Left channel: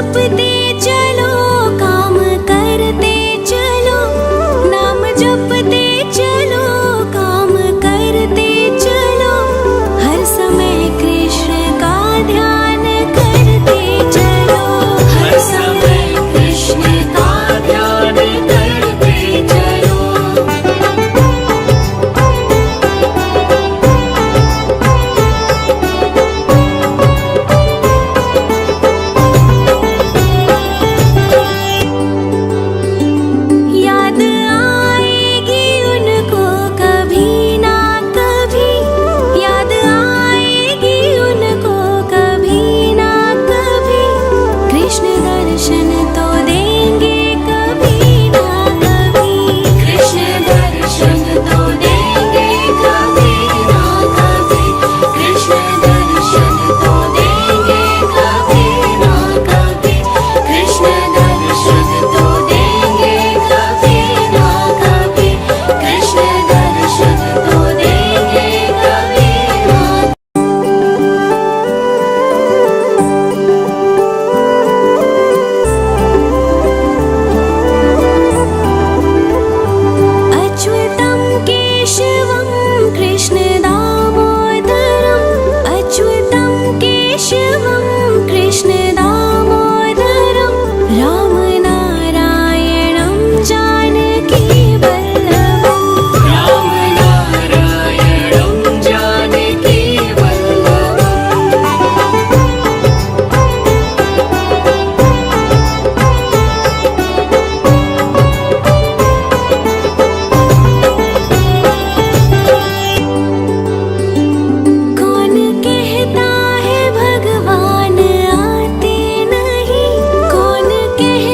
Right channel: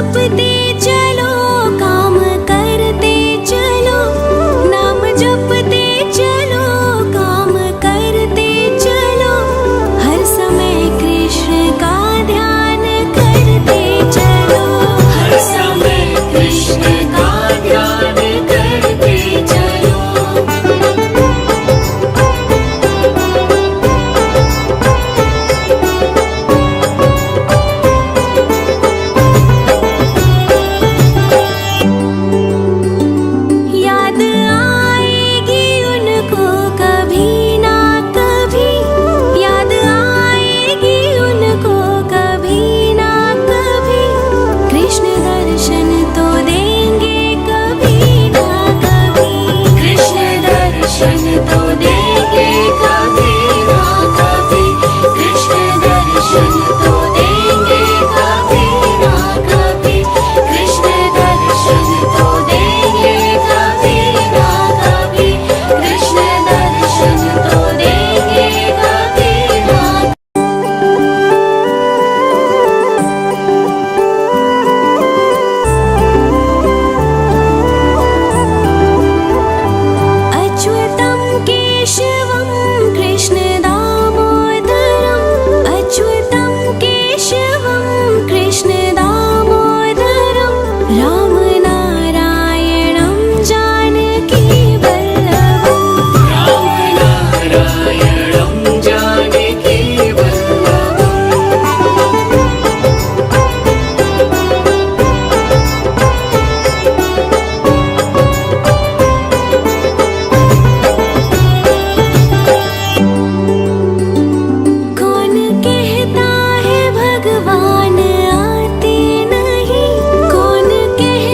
जपते चलो, काम करते चलो, नाम जपते चलो, काम करते चलो, हर समय कृष्ण का ध्यान करते चलो, हर समय कृष्ण का ध्यान करते चलो। याद आएगी उनको कभी ना कभी, याद आएगी उनको कभी ना कभी, कृष्ण दर्शन तो देंगे कभी ना कभी, कृष्ण दर्शन तो देंगे कभी ना कभी, कृष्ण दर्शन तो देंगे कभी ना कभी, कृष्ण दर्शन तो देंगे कभी ना कभी, कृष्ण दर्शन तो देंगे कभी ना। अच्युतं केशवं कृष्ण दामोदरम्, अच्युतं केशवं कृष्ण दामोदरम्, राम नारायणं जानकी वल्लभम्, राम नारायणं जानकी कौन कहता है भगवान आते नहीं, कौन कहता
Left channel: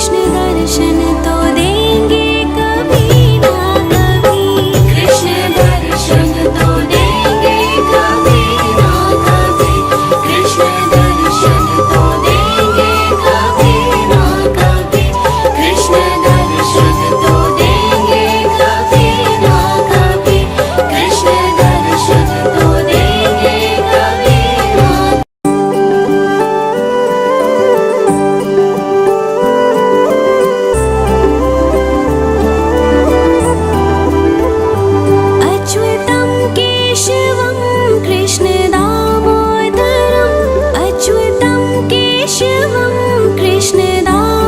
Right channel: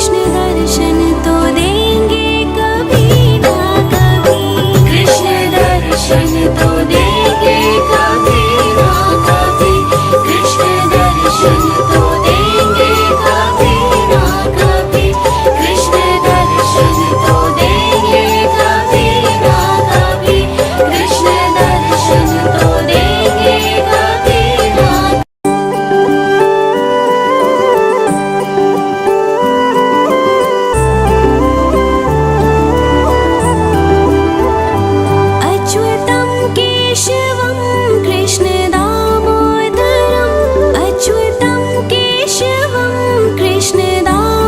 कृष्ण दर्शन तो देंगे कभी ना कभी। कृष्ण दर्शन तो देंगे कभी ना कभी। कृष्ण दर्शन तो देंगे कभी ना कभी। कृष्ण दर्शन तो देंगे कभी ना कभी। कृष्ण दर्शन तो देंगे कभी ना। अच्युतं केशवं कृष्णदामोदरम् अच्युतं केशवं कृष्णदामोदरम्